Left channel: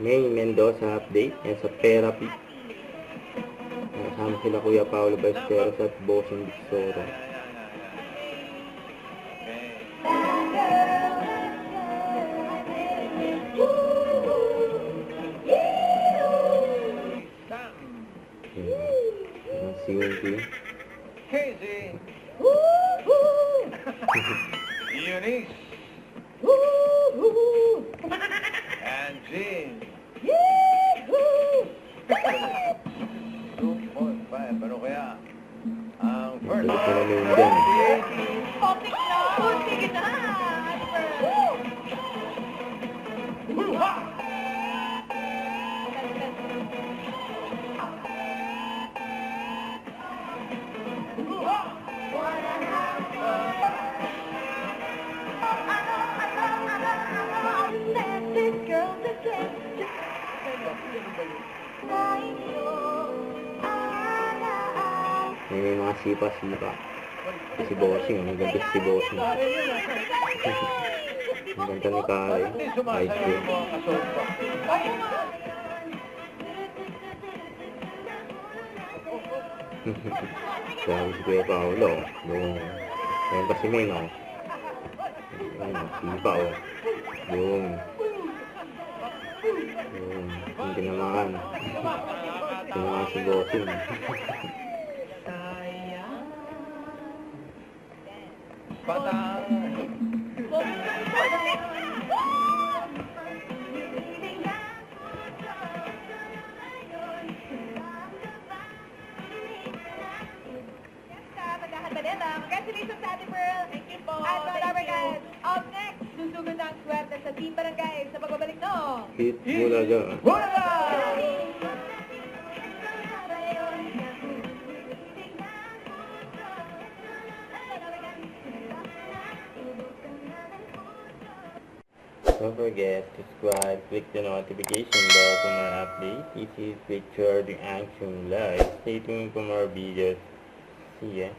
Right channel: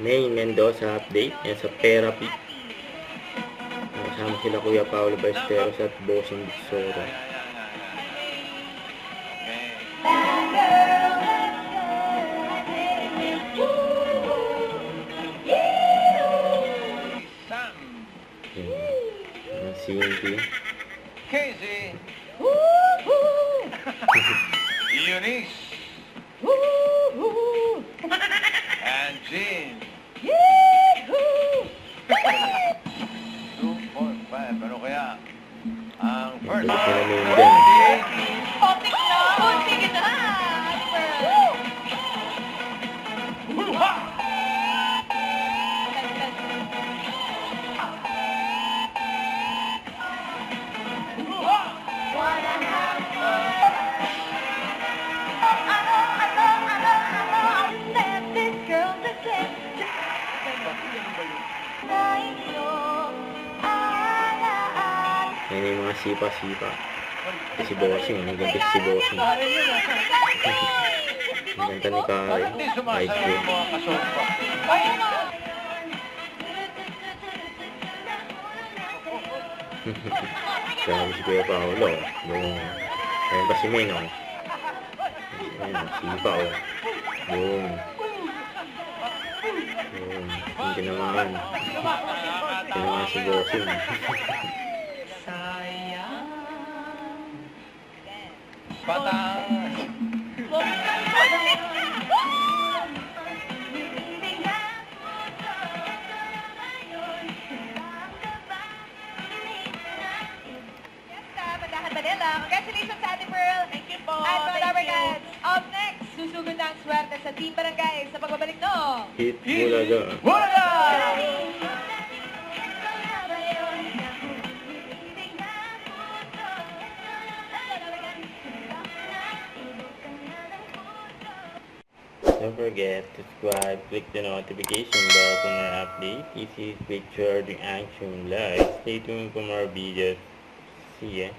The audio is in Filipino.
May Mendoza update yan sa therapy. Kasama sila Kuya Paolo Ballesteros at Bossing Bigsoro. Ang Cindy. Casey. Eunice. And Jean. 2, 4, 5. Ano kaya? Ang first. Hindi ko na may dyan. Optic na! Optic na! Yan yung mga sipa-sipa. Si Bossing, ang ganda si Bossing. Ang ganda ni Kari. Hindi High sumasayaw school. yung mga kasopa. Sabi si Kuya Paolo. Ayan pa si Meng. Ayan, sipa o. Boom. Boom. Yung tinamaan. Tinamaan si Bossing. Patang. Congratulations sa Ate Pearl. Thank you po. At mga Lover Cats, up next, susugod na ang swerte sa Team Barangay sa pagbabalik no. Hit Bulaga. Wala! Don't forget to subscribe, click the notification bell for more updates. This is Picture the Action Live. Stay tuned for more videos. See ya.